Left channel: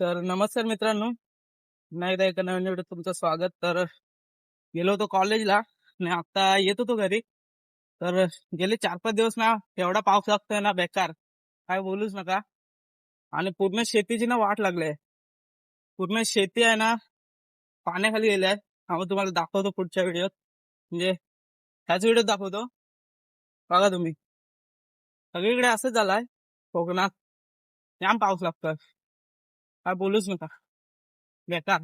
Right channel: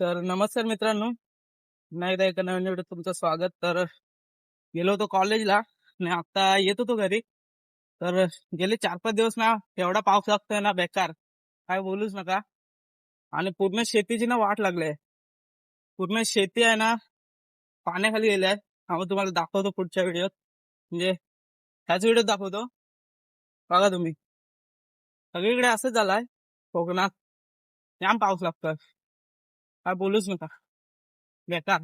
तर नमस्कार मित्रांनो, पुन्हा एकदा एका नवीन व्हिडिओत तुमचं स्वागत. तर गेलो होतो कॉलेजला आणि आता येत होतो घरी. तर गेले 4-5 दिवस ना एवढा पाऊस लागतोय ना बेकार, काय बोलूच नका. आणि पूर्ण शेतीची ना वाट लागली. पूर्ण शेती आहे ना पाण्याखाली गेली आहे. आम्ही तुम्हाला दाखवतो पुढच्या व्हिडिओत, म्हणजे ह्याच व्हिडिओत दाखवतो. बघा तुम्ही, सगळीकडे असंच झालंय. कोकणात जाम पाऊस लागतोय, काय बोलूच नका, बेकार.